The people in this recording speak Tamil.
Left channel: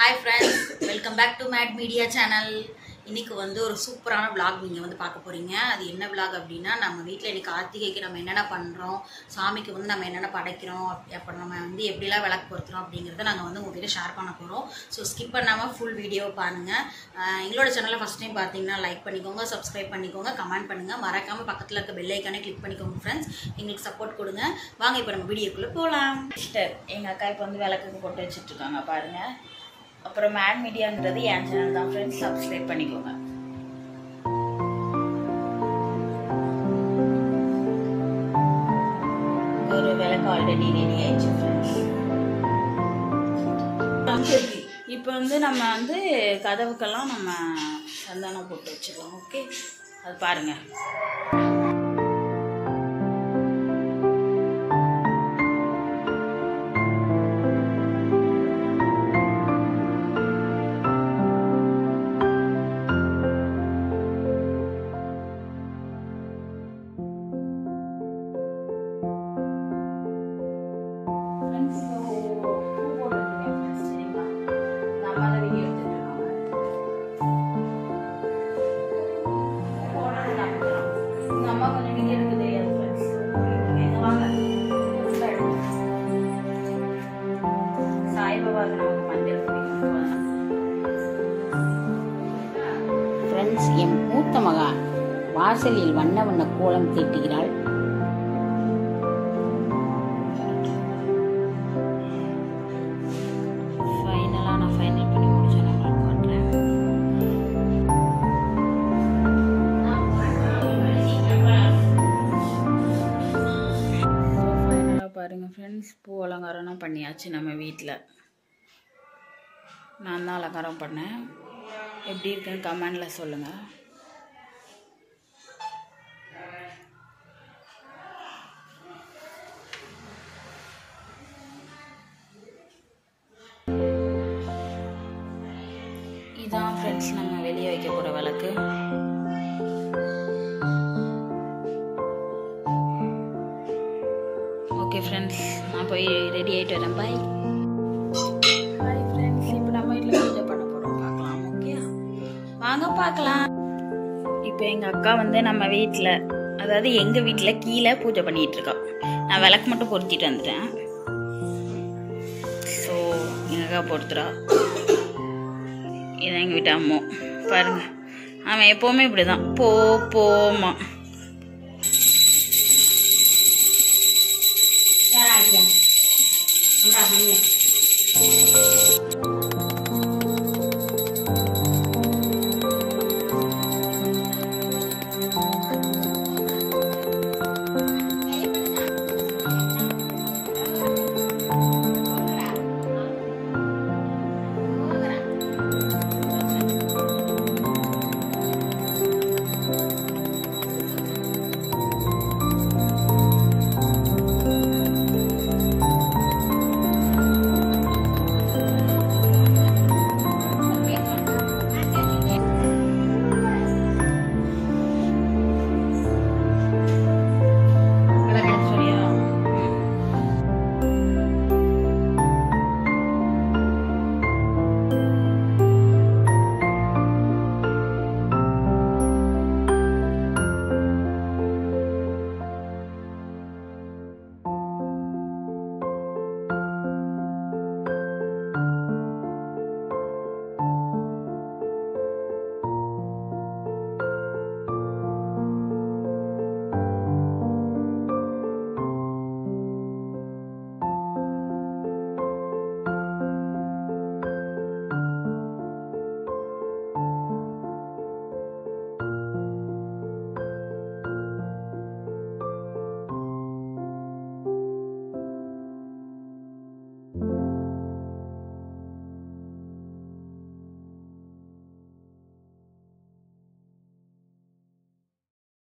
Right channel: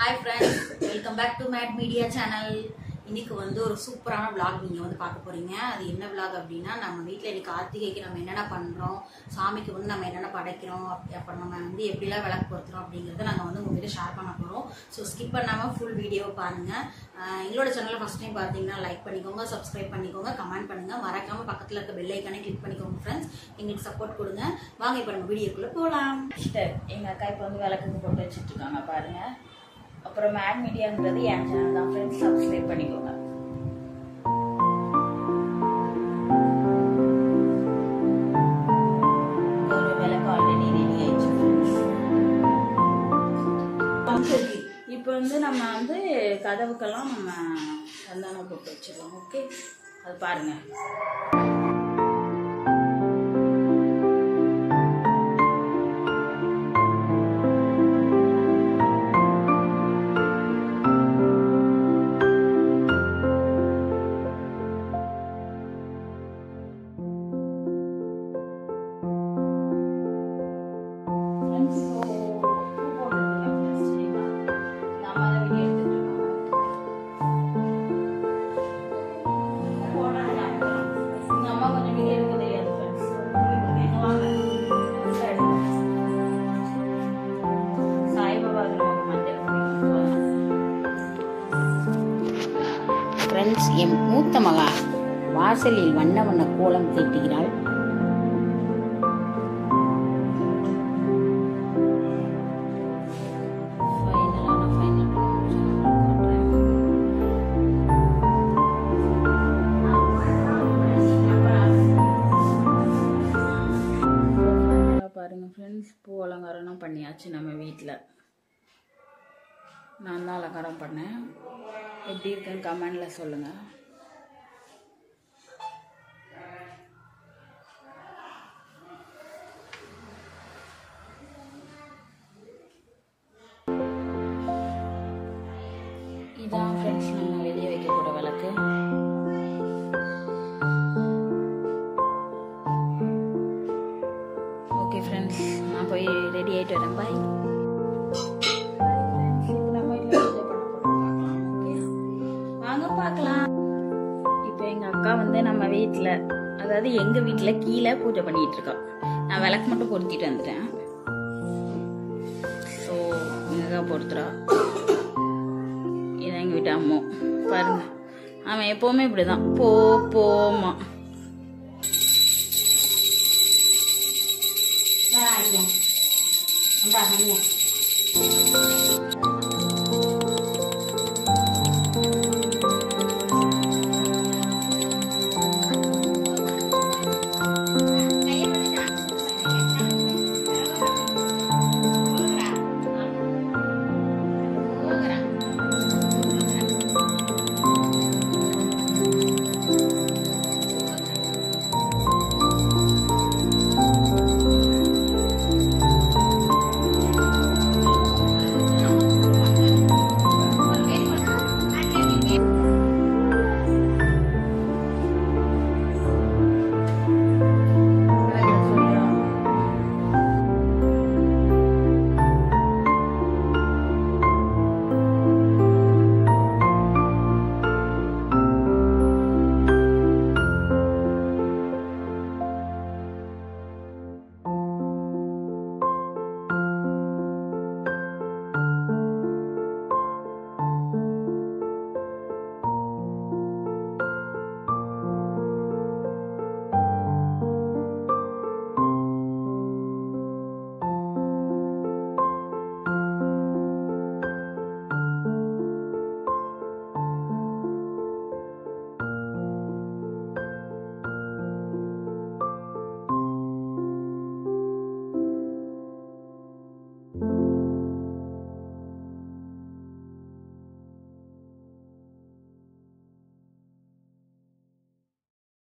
Hi friends, welcome back to Mad Media channel. இன்னைக்கு வந்து ஒரு சூப்பரான vlog நீங்க வந்து பார்க்க போறீங்க. அது என்ன vlog அப்படினா நம்ம வீட்ல இன்னைக்கு கார்த்திகைக்கு நம்ம என்னென்ன பண்றோம், சாமிக்கு வந்து நம்ம என்னென்ன படைக்கிறோம், அப்புறம் நம்ம வந்து எப்படிலாம் விளக்கு பொருத்துறோம் அப்படிங்கறத நாங்க வந்து உங்ககிட்ட ஷேர் பண்ண போறோம். சோ ஸ்கிப் பண்ணாம full வீடியோ பாருங்க. எங்களோட சேனலை ஃபர்ஸ்ட் டைம் பாத்தீங்கன்னா லைக் பண்ணிக்கோங்க, Subscribe பண்ணிக்கோங்க, கமெண்ட் பண்ணுங்க. மறக்காம பக்கத்துல இருக்க பெல் ஐகானை கிளிக் பண்ணிக்கோங்க फ्रेंड्स. எங்களுக்கு சப்போர்ட் கொடுங்க. வாங்க இப்போ நம்ம வீடியோக்குள்ள போலாம். எங்க அக்கா இப்போ வந்து விளக்குக்கு போட்டு வச்சிட்டு இருக்காங்க பாருங்க. அப்புறம் மேட் மீடியாங்கிறது என் சேனல் தான் ஃப்ரெண்ட்ஸ், சப்ஸ்கிரைப் பண்ணிக்கோங்க. ஒரு விளக்கு ஆல்ரெடி ரெடி ஆயிடுச்சு ஃப்ரெண்ட்ஸ். இப்போ வந்து நம்ம வந்து கதவுக்கெல்லாம் நம்ம சந்தனம் போட்டு வச்சிடலாம். ஓகே, அது பாருங்க. ஃப்ரெண்ட்ஸ், என் மூத்த மகா வாசலில் வண்ண வண்ண கோலம் தீட்டுகிறாள். ஃபைனலா நான் ஃபைனல் பண்ணி முடிச்சு நான் காட்டுறேன். ஃபைனலா பாருங்க ஃப்ரெண்ட்ஸ், பூ அலங்காரம் பண்ணியாச்சு. நம்ம வீட்டில் நான் தான் அலங்காரம் பண்ணேன். எப்படி இருக்குன்னு கமெண்டில் சொல்லுங்கள். இதான் ஃப்ரெண்ட்ஸ் நம்ம வெளியே வைக்க போகிற விளக்கு. ஓகே ஃப்ரெண்ட்ஸ், நான் போய் ரெடி ஆகிட்டு வரேன். பாய் பாய் ஃப்ரெண்ட்ஸ். இப்போ நம்ம வீட்டில் பூஜை பண்ண போகிறோம், பார்க்கலாம். ஓகே, வாங்க பார்க்கலாம். இப்போ எங்கள் அக்கா வந்து நம்ம வீட்டில், அதாவது எங்கள் வீட்டில் கீழே பூஜை பண்ணிகிட்டு இருக்கோம். நான் விளக்கு மட்டும் பொருத்திட்டு வந்துட்டேன். ஸோ எங்கள் அக்கா பொறுத்துறா. இதான் எங்கள் வீட்டு அம்மா பாருங்க. அவன் எப்போவுமே இப்படி தான் போமா